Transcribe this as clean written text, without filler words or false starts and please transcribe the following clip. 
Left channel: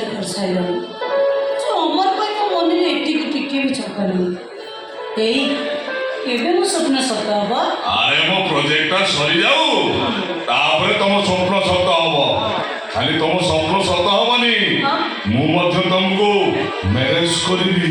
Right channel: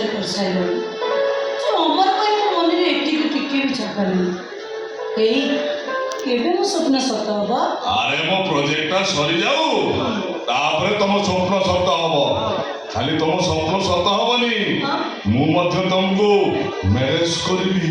ନିଶ୍ଚୟ କରିସାରିଲାଣି। ଅମର ପାଇଁ ମୋ ମନରେ ଏତିକି ଟିକେ ବି ଚାପା ନାହିଁ। ଏଇ ଏବେ ମୋ ସ୍ୱପ୍ନ ସତ ହବ। ଆରେ ମୋ ପ୍ରୋଜେକ୍ଟଟା ସରିଯାଉ ତାପରେ ତମ ସ୍ୱପ୍ନ ସତ ହବ। ଖାଲି ତମ ସ୍ୱପ୍ନ ସତ ହବନି, ମୁଁ ମଧ୍ୟ ତମକୁ ମ୍ୟାରେଜ କରିବି।